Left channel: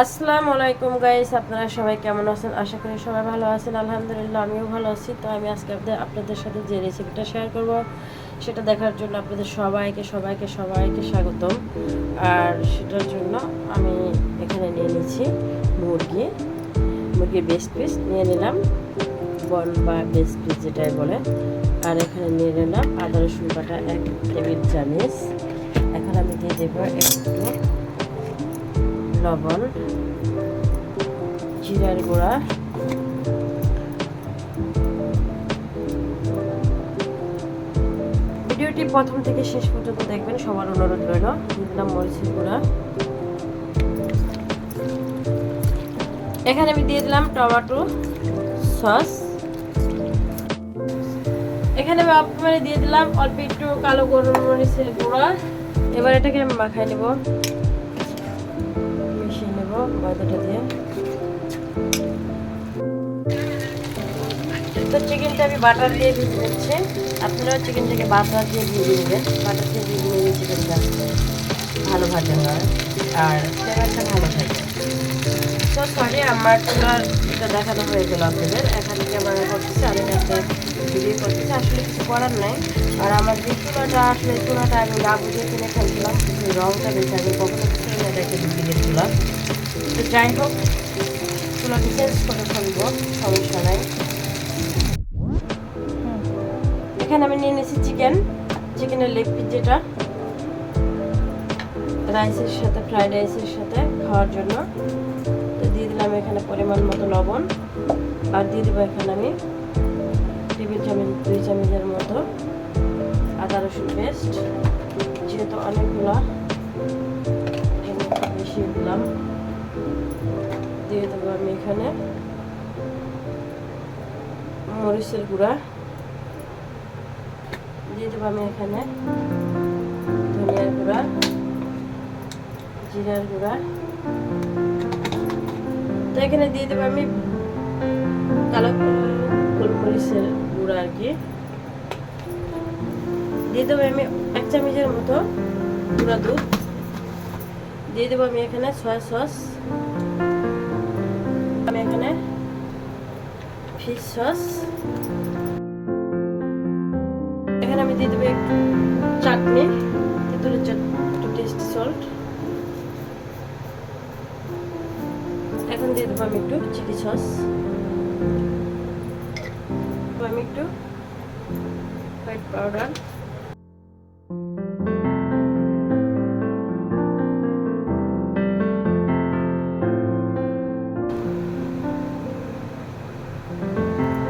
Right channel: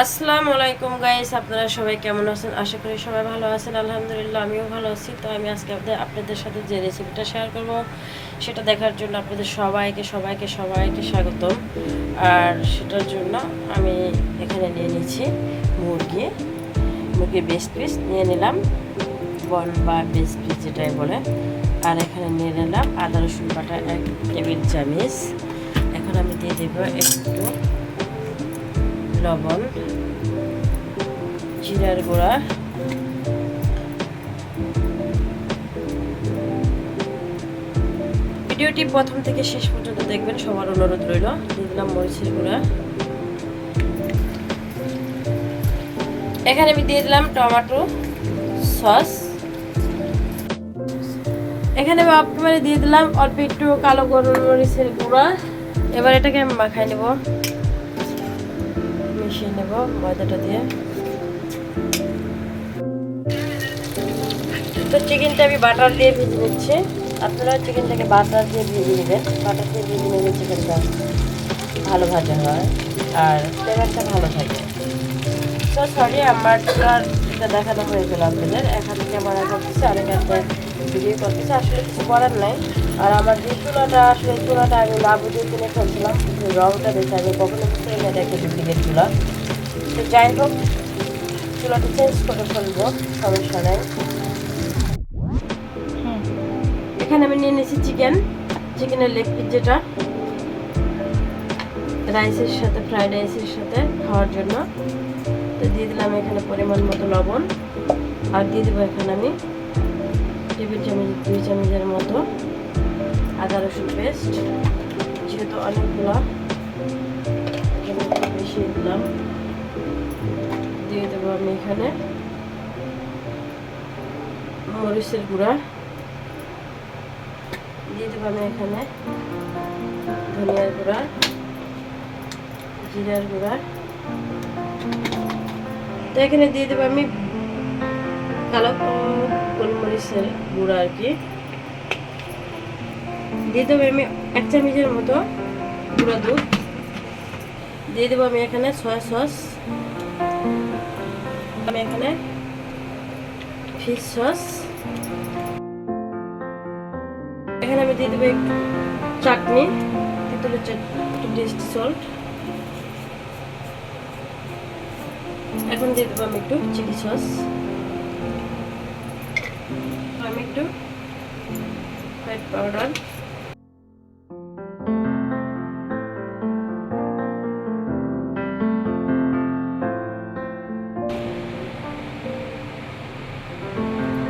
আসসালামু আলাইকুম গাইস, আপনারা সবাই কেমন আছেন? আশা করি সবাই ভালো আছেন। আলহামদুলিল্লাহ আমিও ভালো আছি। তো আমি আজকে আপনাদের সাথে যে রেসিপিটা শেয়ার করব সেটা দেখার জন্য আপনাদের সবাইকে স্বাগত। আর সেটার জন্য আমি এখানে নিয়ে নিচ্ছি মুরগির বেস্ট পিস নিয়ে নিলাম, বন বা বেস্ট পিস যেটাই বলে। আর এখানে নিয়ে নিলাম আদা রসুন বাটা 1 টেবিল চামচ। এখন আমি দিয়ে দেবো একটু লবণ, জিরার গুঁড়া, ভিডিওটি প্রথম থেকে শেষ পর্যন্ত দেখবেন, সবার অনুরোধ রইল। দিয়ে দিলাম মরিচের গুঁড়া। এখানে আমি দিয়ে দিলাম টমেটো সস। এখানে আমি দিয়ে দিলাম অল্প একটু কালো গোলমরিচের গুঁড়া। এবার এটাকে আমি মাখাই নেব, মিশিয়ে নেব ময়দাটা দিয়ে। তো চিকেনটা আমি বাটার দিয়ে ভেজে নিচ্ছি। আপনারা চিকেনটাকে বাটার দিয়ে ভেজে নেবেন। বাটার দিয়ে ভেজে নিলে চিকেনটা ভালো ভাজা হয় আর ফ্লেভারটা ভালো থাকে। তো সরি, আমার চুলাটা দেখানো হয়ে গেল আপনাদের। এখানে ক্যামেরা করতেছে, আমি একটা ভিডিও করতেছি, আসলে কিছু করার নাই। আর আমার যে চুলাটা আমি না বুঝিয়ে কিনে ফেলছিলাম, কিন্তু রংটা দেখে আমি কখনো ফ্রেমে দেখে ডুপ্লিকেট চুলা। তো যাই হোক, চুলাটা চেঞ্জ করে ফেলবো, সমস্যা নাই। এখানে আমি নিয়ে নিয়েছি চিকেনের লেগ পিস, যেটা ফ্রাইড রাইসের সাথে খাওয়ার জন্য। তো দিয়ে দিলাম এখানে পরিমাণ মতো লবণ, আর দিয়ে দেবো এখানে আমি 2 চামচের মতো আদা রসুন পেস্ট। যেহেতু অনেকগুলো একটু বেশি দিলাম। দিয়ে দেবো আমি এখানে মরিচের গুঁড়া, দিয়ে দেবো আমি এখানে ধনিয়ার গুঁড়া, জিরার গুঁড়া। তো এখানে দিয়ে দেবো আমি কালো গোলমরিচের গুঁড়া আর কি। দিয়ে দেবো আমি 1 চামচের মতো গুঁড়া দুধ। দিয়ে দেবো আমি এখানে সয়া সস, আমি এখানে ফিশ সস। এখানে আমি দিয়ে দেবো একটু চাটনি, তেঁতুলের একটু টেস্টি সল্ট। এখন দিয়ে দেবো আমি একটু চিলি সস, আমি একটু হোয়াইট পাউডার।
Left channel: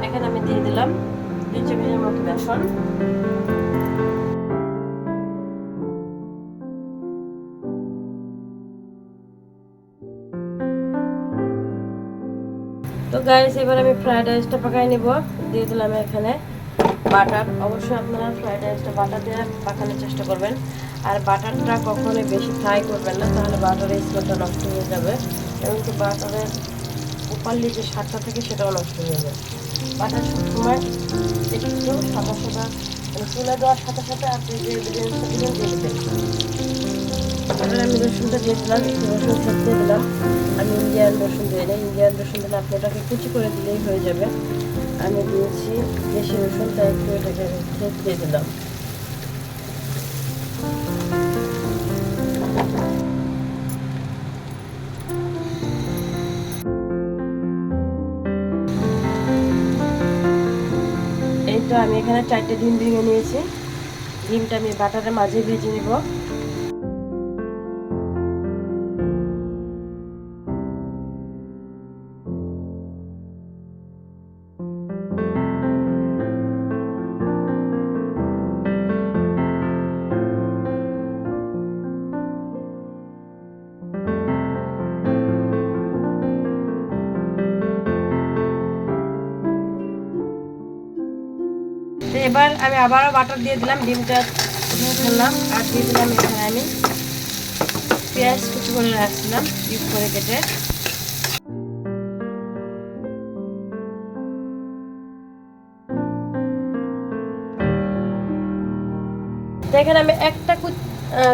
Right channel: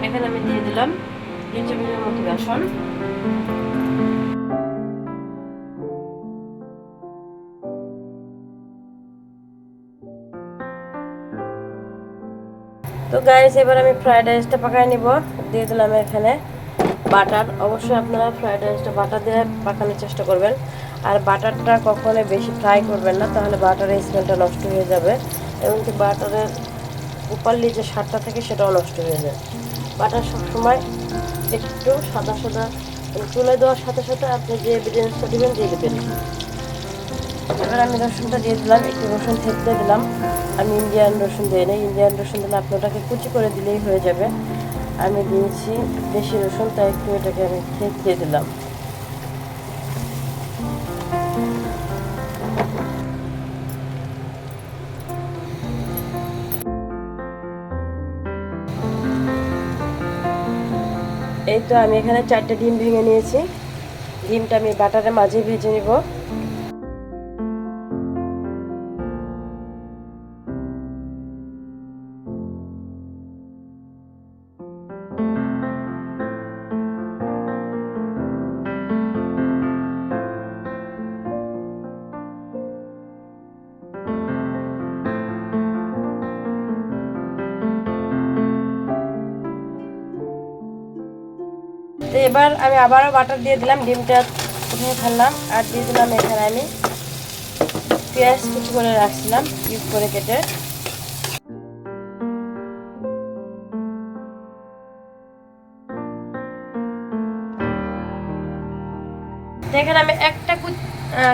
এখানে আমি দিয়ে দিলাম 2 চামচের মতো বেসন। তো গাইস, এবার আমি ফ্রাইড রাইসটা পাকাই নিব। দিয়ে দিলাম এখানে বাটার। অবশ্যই আপনারা ফ্রাইড রাইসটা বাটার দিয়ে পাকানোর চেষ্টা করবেন। আর বাটারটা কখনোই বেশি ফ্রাই করবেন না, তাহলে বাটারের স্মেলটা নষ্ট হয়ে যাবে। এবং কি বাটারের উপরলি যে স্বাদটা থাকে সেটাও নষ্ট হয়ে যায়। বাটার সবসময় একটু সাদা তুলে দেওয়ার সাথে সাথে আপনি যে ইনগ্রিডিয়েন্টসটা দেবেন দিয়ে দেবেন। এবার আমি রসুনটা দিয়ে দিলাম, একটু রসুন থেঁচতে দিলাম। আমি ইন্ডিয়ান রসুন দিই না, ইন্ডিয়ান রসুন দিলে আপনি ওটাকে কুচি করে দিলেই হয়ে যাবে। আমি দিয়েছি দেশি রসুন, তাই একটু এটাকে আমি থেঁচতে দিলাম। এই তো আমি এখানে 4টে ডিম ভেঙে নিয়েছি। ডিমটা আমি বাটারের মাঝে ভেজে নিব। তো এবার আমি আবারও বাটার দিয়ে দিলাম, ডিমটা উঠিয়ে ফেললাম। আর দিয়ে দিলাম এখানে আমি পেঁয়াজ কুচি করে রাখছিলাম, পিস করে কেটে। এখানে আমি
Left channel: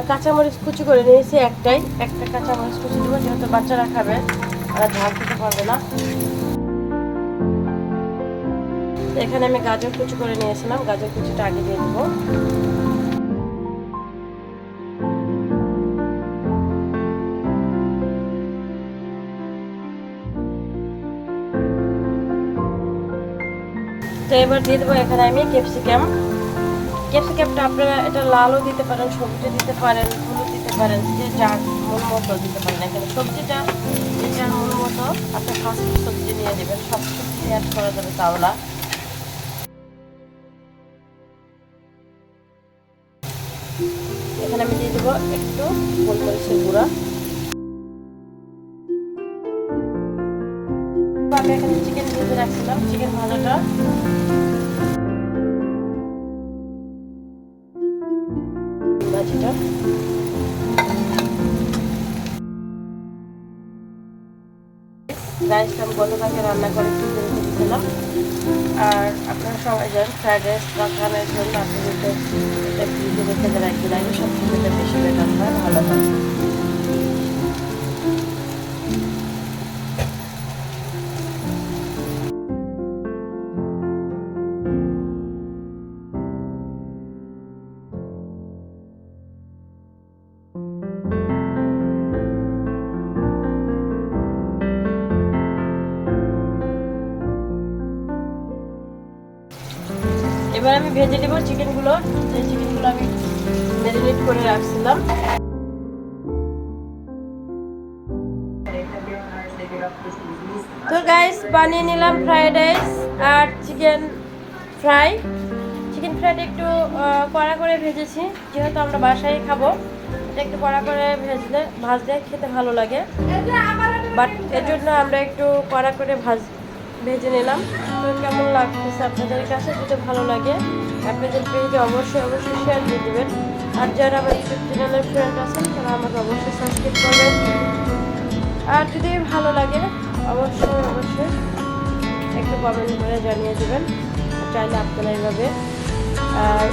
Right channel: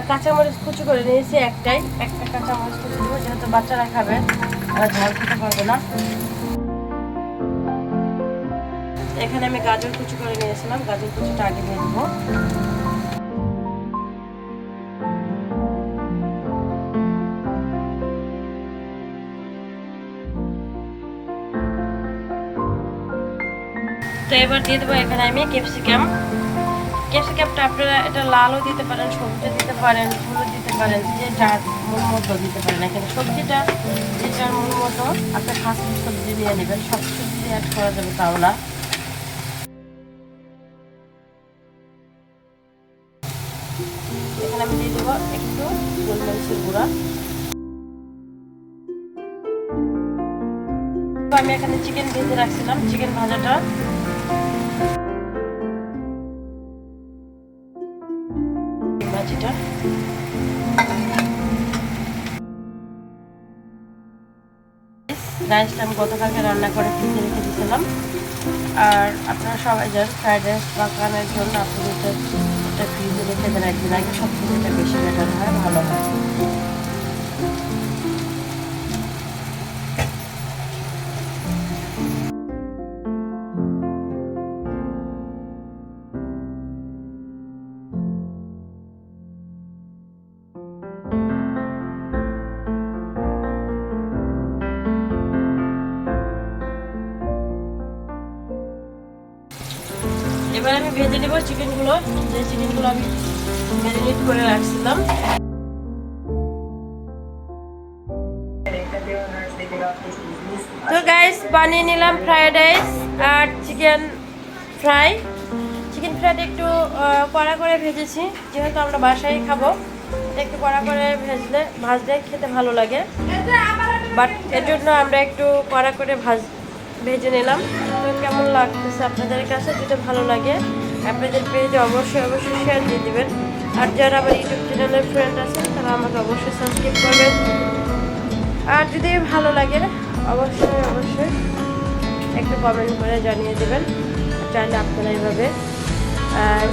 কাঁচামরিচ কুচি করে নিয়েছি একটা কাঁচামরিচ কুচি দেবো, যেহেতু বাচ্চারা খাবে, ঝাল খেতে পারবে না। এখানে আমি গাজর কুচি করে নিয়েছিলাম, গাজর কুচিটা আগে দিয়ে দেবো। তো এবার দিয়ে দেবো এখানে আমি ক্যাপসিকামটা আপনারা এটা লালও দিতে পারেন, সবজি দিতে পারেন, ফুলও দিতে পারেন, যে যার মন মতো দিতে পারেন। এখানে সবজিটা যে যার মন মতো আপনি ফার্স্ট সবজি নিয়ে নেবেন, সব সবজি অ্যাড করা যাবে তাও না। এখানে আমি দিয়ে দেবো একটু গোলমরিচের গুঁড়া। আমি এখানে চিকেন ভেজে রাখছিলাম, চিকেন ভাজাটা ভাজিটা রাইসটা আমি গতকালকে রান্না করে ফ্রিজে রেখে দিয়েছিলাম। আর আপনারা সবাই জানেন ফ্রাইড রাইস বানানোর জন্য আপনাদের এটা ফ্রিজে রেখে দেন একদিন আগে, সবথেকে যেটা বেশি বেটার হয়, ভালো হয়। এবার আমি ভেজে নেব চিকেনগুলো, যে চিকেনগুলো আমি ম্যারিনেট করে রাখছিলাম। তো গাইস, বানিয়ে নিলাম ফ্রাইড রাইস আর চিকেন ফ্রাইটা একটু কড়া করে ভেজেছি, যেহেতু আমরা বাসায় খাবো, এটা একটু কড়া করে ভাজলে খেতে ভালো লাগে, বাট এর জন্য আমরা একটু কড়া করে ভেজে নিলাম। তো কেমন লাগতেছে আপনাদের কাছে? যদি ভালো লাগে আপনাদের পেজে অবশ্যই শেয়ার দিয়ে দিবেন। আর যারা আমার ইউটিউব চ্যানেলের ফ্রেন্ড আছেন তারা আমাকে অবশ্যই সাবস্ক্রাইব করবেন। আর যদি ভালো লাগে অবশ্যই একটু কমেন্ট করে জানিয়ে দেবেন। চাইলে আপনারা এইভাবে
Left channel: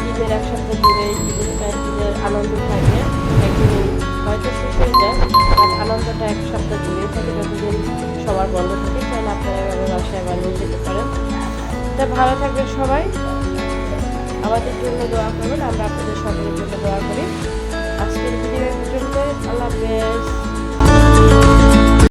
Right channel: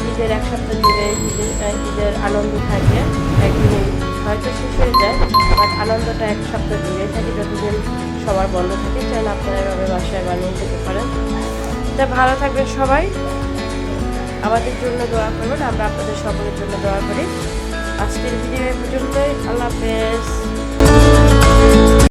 ঈদের এক সপ্তাহ জুড়ে ঈদের আনন্দ থাকে, একদিনে হয়তো শেষ হয়ে যায়, বাট আনন্দটা এক সপ্তাহ জুড়েই থাকে, যতদিন সবার বন্ধ থাকে। চাইলে আপনারা এভাবে বাসায় বানিয়ে খেতে পারেন। তা ভালো থাকবেন সবাই, আমাদের জন্য দোয়া করবেন, আমরা আপনাদের সকলের জন্য দোয়া করি। আজকের ভিডিও এই পর্যন্তই। আল্লাহ হাফেজ।